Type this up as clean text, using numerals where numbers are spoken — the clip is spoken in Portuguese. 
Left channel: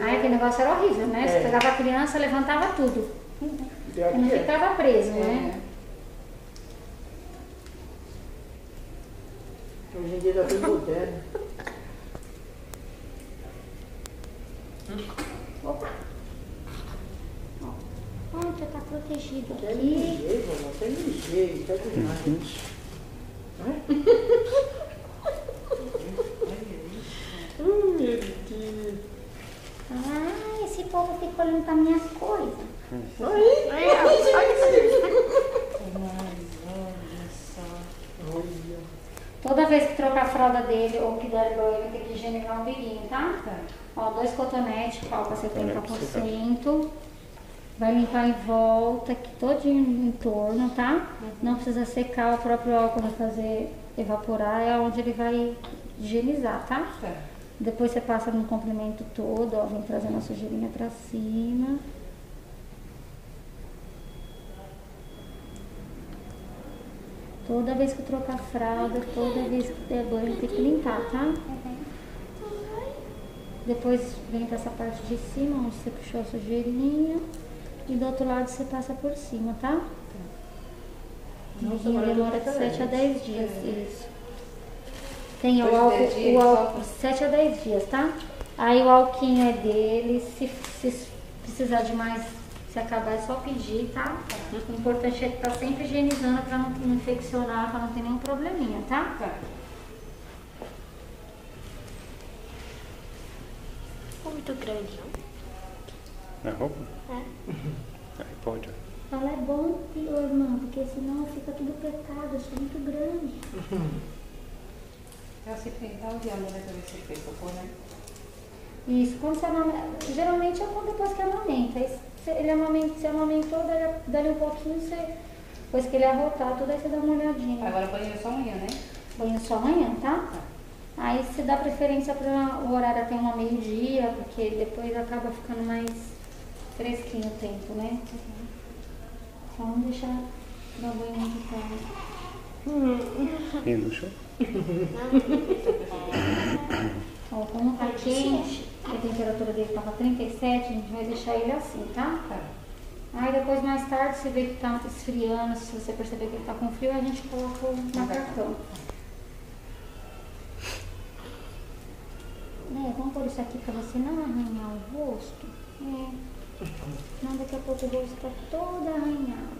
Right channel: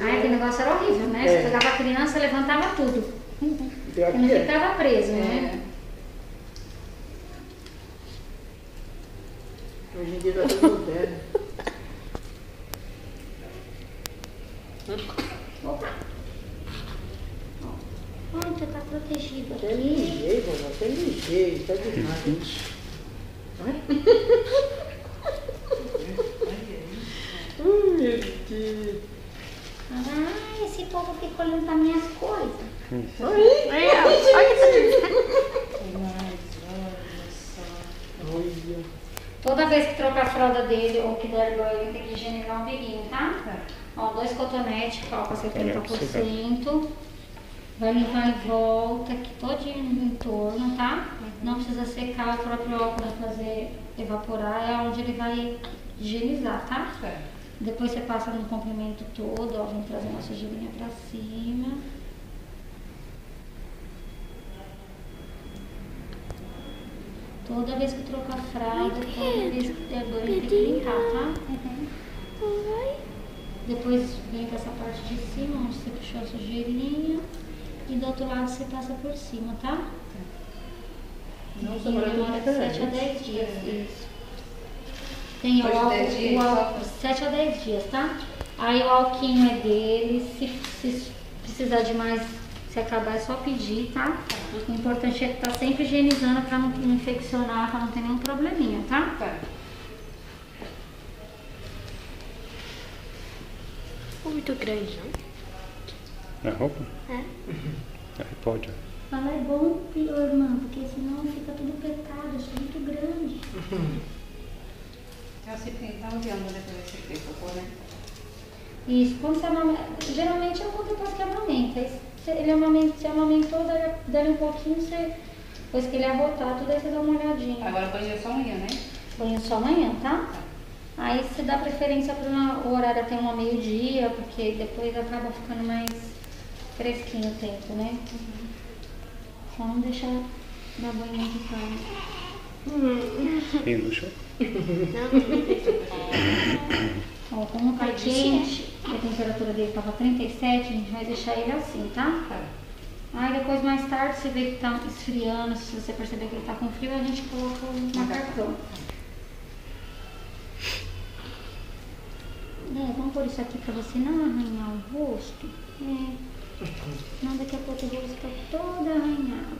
Ai, que negócio era horrível, né? Você pegava a criança e levantava tudo. Não ficava preso, né? Hoje em dia tá tudo moderno. Opa! Olha, já tá protegido Até aqui. mijei, vovó, até mijei, tá demais. Meu Deus. Ah, esse povo fica olhando para minhas coisas. Olha só. Toda vez que trocar a fralda dele ou que der banho, tem que higienizar o umbigo, tá? Ó, 2 cotonetes, calca 70%. Vai limpar em volta, aqui todinho em torno, tá? Não precisa secar, o próprio álcool vai fazer evaporar, é onde ele vai higienizar, tá? Depois você passa no comprimento todo, ó, vamos trazendo a sujeirinha pra cima. Toda vez que trocar a fralda, toda vez que der banho, tem que limpar, tá? Depois vem pra essa parte de cima, onde você puxou a sujeirinha. E do outro lado você passa por cima, tá? Nossa, e agora demora de tudo 7 a 10 dias, isso. Tem o Depois de 10 dias, álcool 7 a 10 dias, tá? Aí o alquinho é dele, se precisar de mais, se acabar é só pedir, tá? O importante é estar sempre higienizando pra não infeccionar, pra não ter nenhum probleminha, tá? Não muito grande, não? É roupa? É. Aí pode. Fala, é bom, irmã, porque senão fica tudo apertado, eu sou muito grande. Tá odiando, né, pra você fez cocô, né? Isso, quando você amamenta, geralmente é quando depois que amamenta. Se ele amamentou, dali um pouquinho, depois que ele arrotar tudo, aí você dá uma olhadinha. Agora banho só amanhã, né? Banho só amanhã, tá? Aí você dá preferência para o horário até uma meio-dia, porque depois acaba ficando mais fresquinho o tempo, né? Só não deixar dar banho de tarde. E no show? Ó, como tá quente, a temperatura dele tava 37, a gente vai deixar ele assim, tá? Aí depois, mais tarde, se vê que tá esfriando, se você perceber que ele tá com frio, a gente coloca o macacão. Vamos pôr isso aqui pra você não arranhar o rosto. Senão daqui a pouco o rosto tá todo arranhado.